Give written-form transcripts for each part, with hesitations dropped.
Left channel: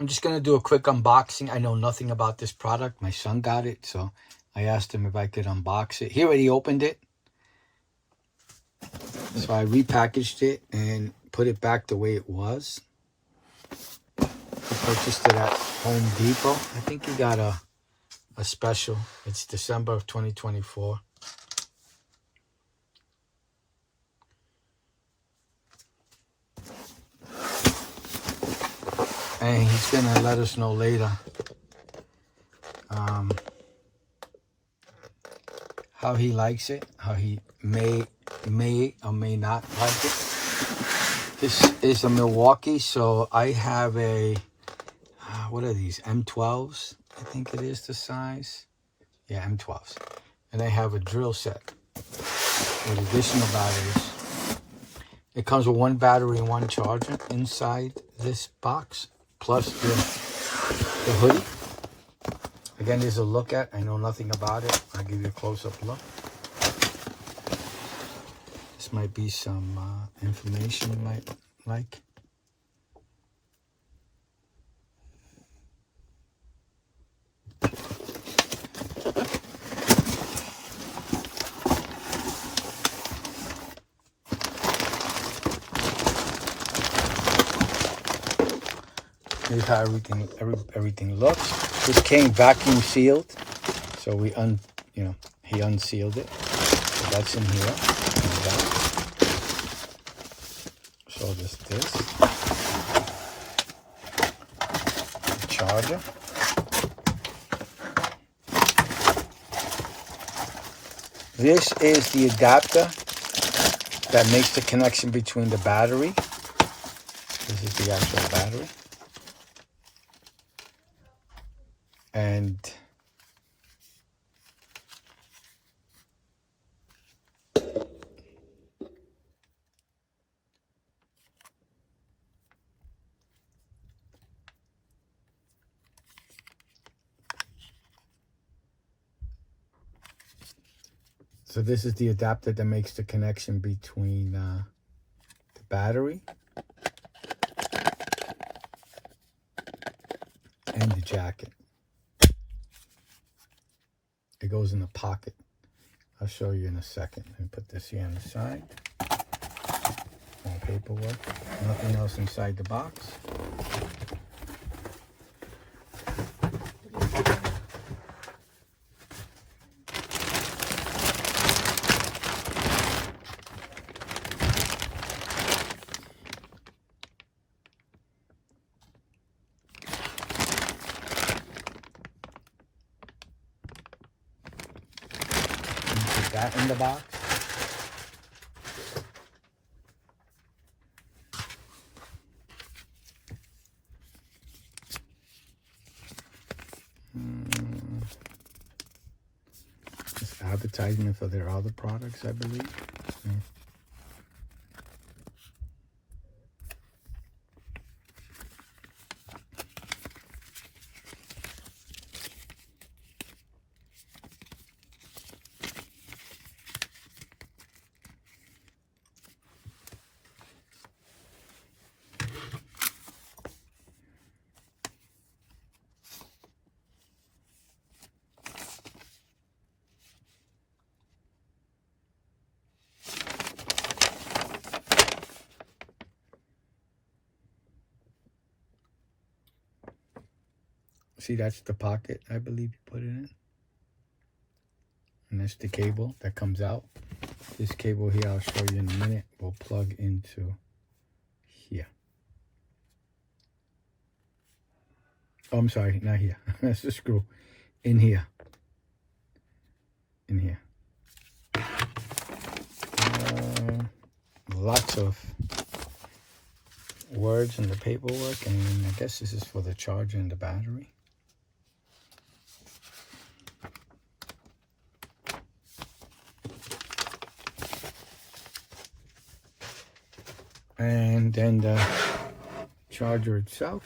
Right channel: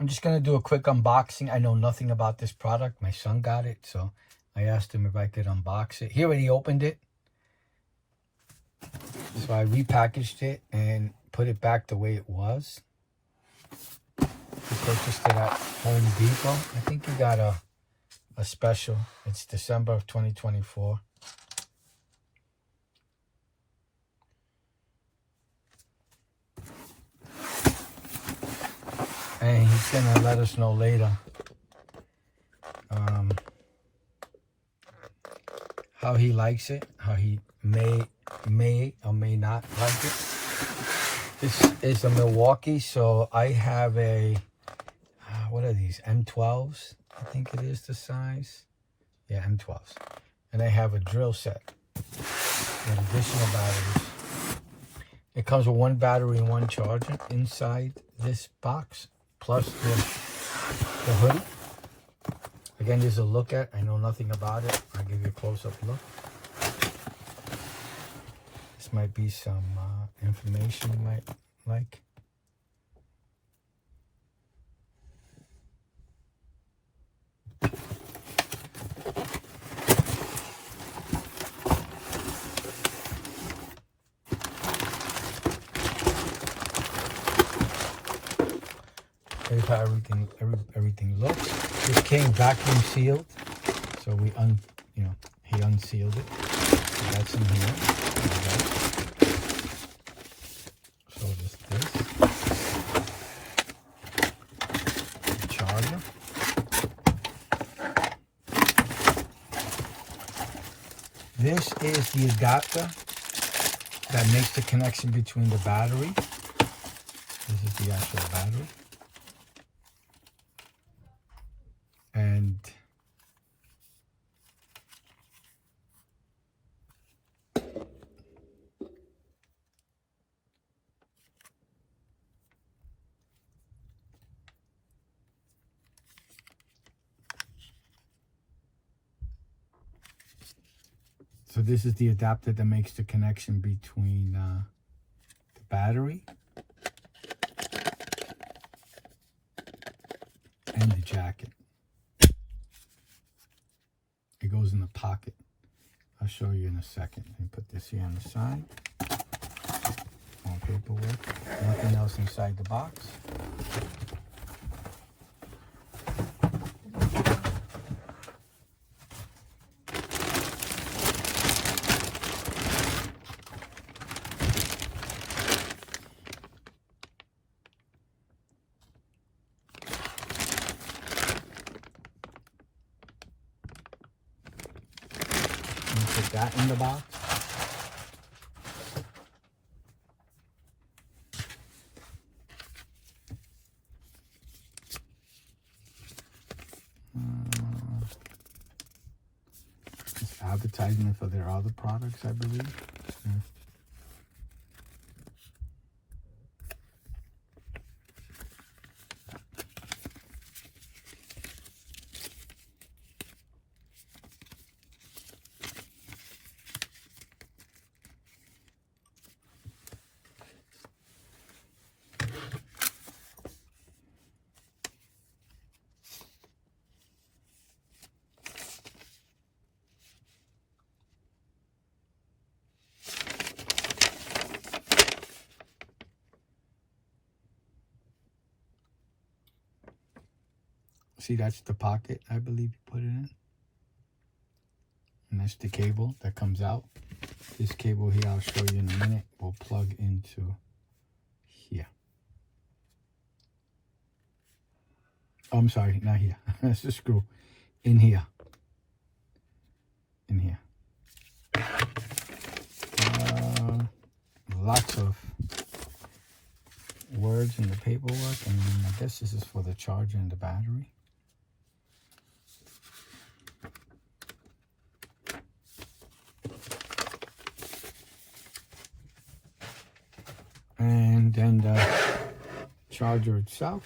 I'm just going to do a quick unboxing. I know nothing about this product. My son got it, so I asked him if I could unbox it. He already opened it. So I repackaged it and put it back the way it was. I purchased it at Home Depot. I think he got a special. It's December of 2024. And he's going to let us know later how he likes it, how he may or may not like it. This is a Milwaukee, so I have a, what are these, M12s? I think it is the size. Yeah, M12s. And I have a drill set with additional batteries. It comes with one battery and one charger inside this box, plus the hoodie. Again, there's a look at. I know nothing about it. I'll give you a close-up look. This might be some information you might like. Here's how everything looks. This came vacuum sealed, so he unsealed it. So that's in here. So this the charger. This is the adapter that makes the connection between the battery. This is the actual battery. And so this is the adapter that makes the connection between the battery and the jacket. It goes in the pocket. I'll show you in a second. Let me put this here on the side. More paperwork. Nothing else inside the box. Put that in the box. It's advertisement for their other products, I believe. Yeah. See, that's the pocket, I believe you put it in. And that's the cable that comes out. This cable here, I'll show you in a minute, will plug into here. Oh, I'm sorry, not here. That's the screw. In here. In here. Lots of words in the paperwork, and I guess this is for the charger and the battery. And then the charger itself.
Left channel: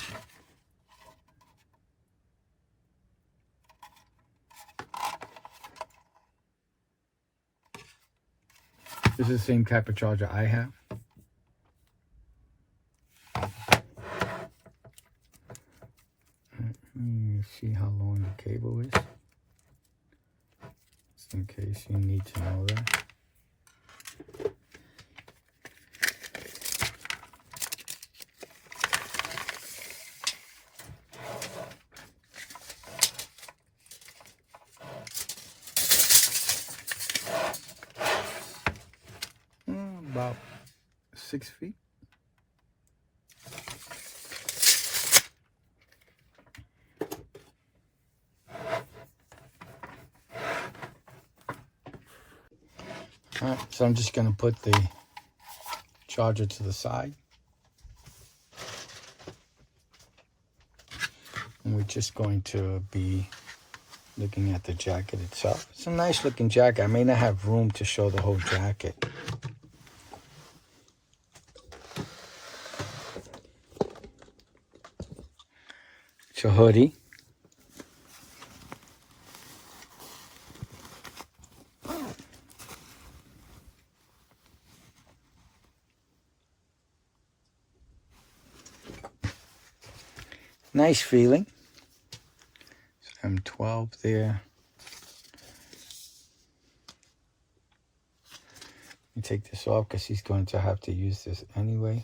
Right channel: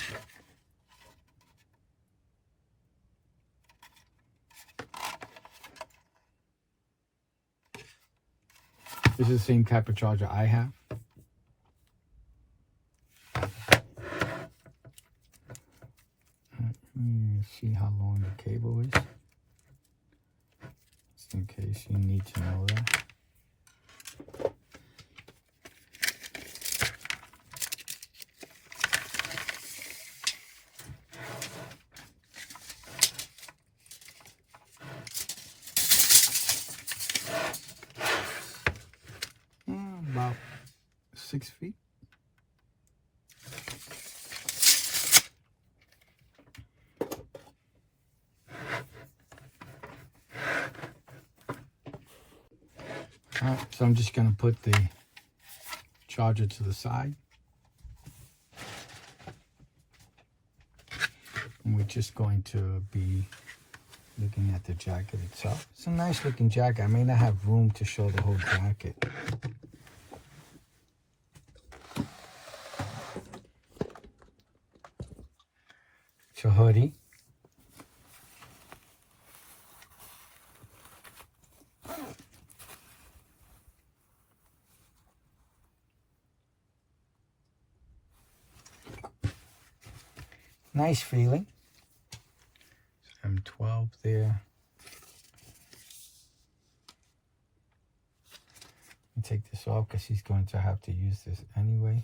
This is the same type of charger I have. see how long the cable is, just in case you need to know that. About 6 feet. So I'm just going to put the charger to the side. And we're just going to be looking at the jacket itself. It's a nice looking jacket. I may not have room to show the whole jacket. It's a hoodie. Nice feeling. M12 there. You take this off because he's going to have to use this anyway.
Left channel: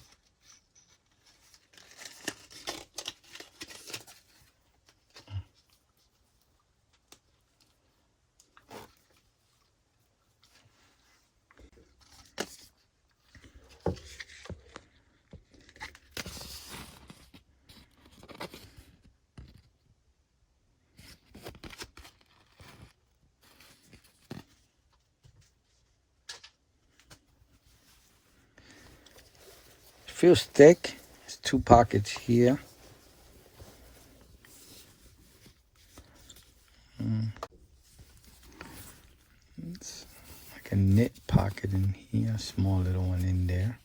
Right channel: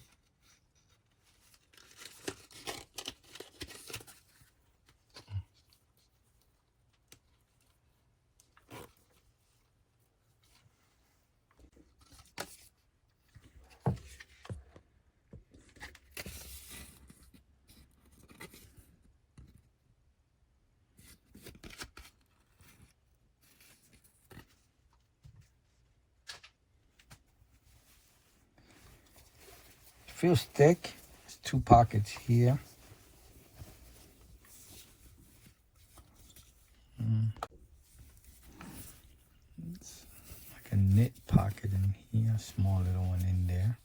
Feels thick. There's 2 pockets here. It's like a knit pocket in here, a small little one in there.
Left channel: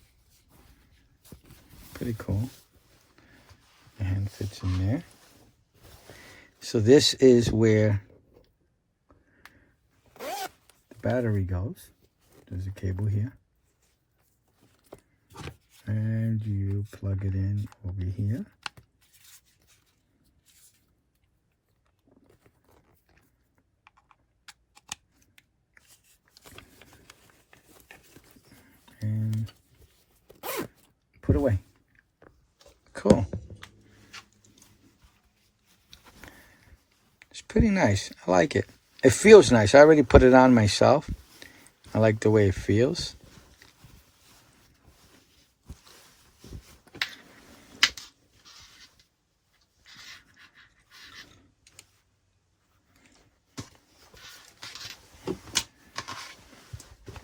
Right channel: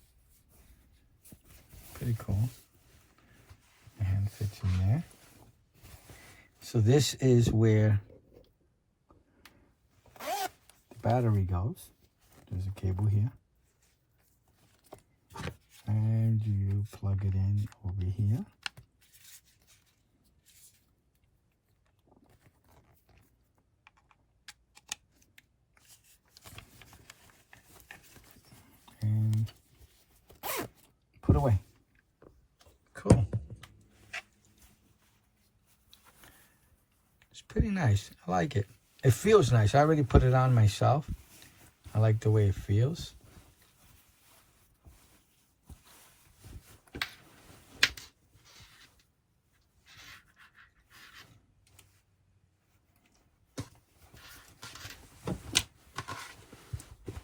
Pretty cool. The hand fits in there. So this is where the battery goes. There's a cable here. And you plug it in over here. And put away. Cool. It's pretty nice. I like it. It feels nice. I already put it on myself. I like the way it feels.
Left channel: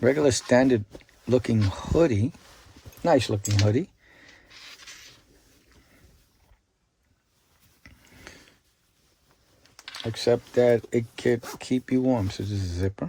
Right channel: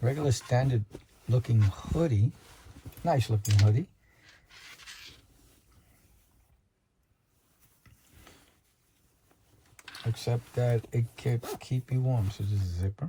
Regular standard looking hoodie. Nice looking hoodie. Except that it could keep you warm. So this is a zipper.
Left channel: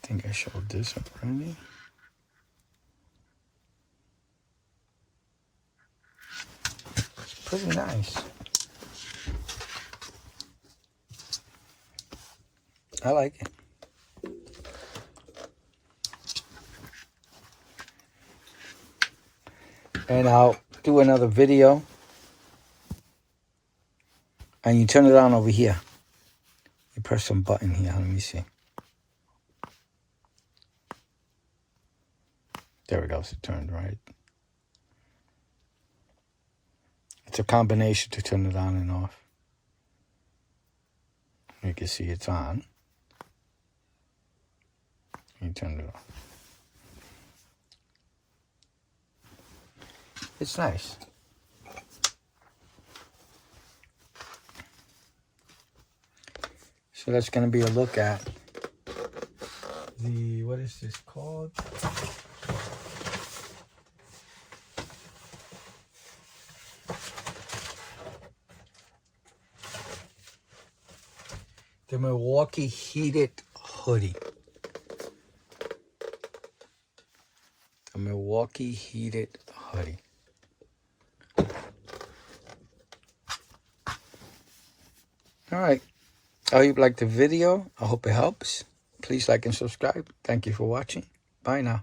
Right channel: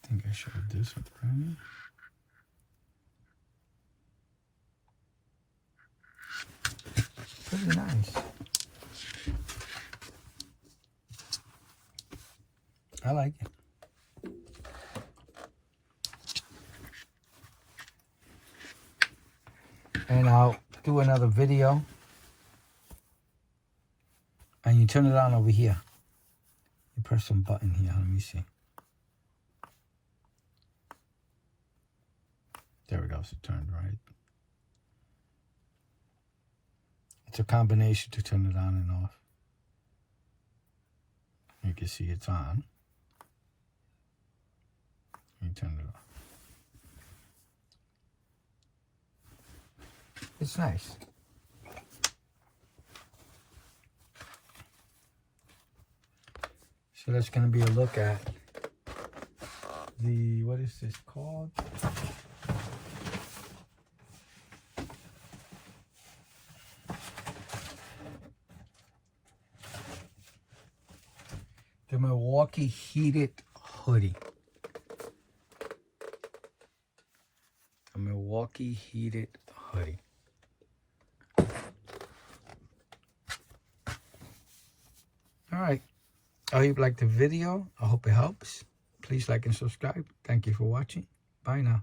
I think I showed this already. It's pretty nice. I like it. And I'll do another video. And you turn it on over here. You press some button here. Let me see. There it goes. It turned right. It's a combination to turn it on and off. You can see it's on. You turn it off. It's nice. So that's going to be a look at the, what is this called? The Milwaukee heated hoodie. The Milwaukee heated hoodie. All right. I hope you liked the video. I hope it helps. Please like and subscribe. Thank you for watching. Bye now.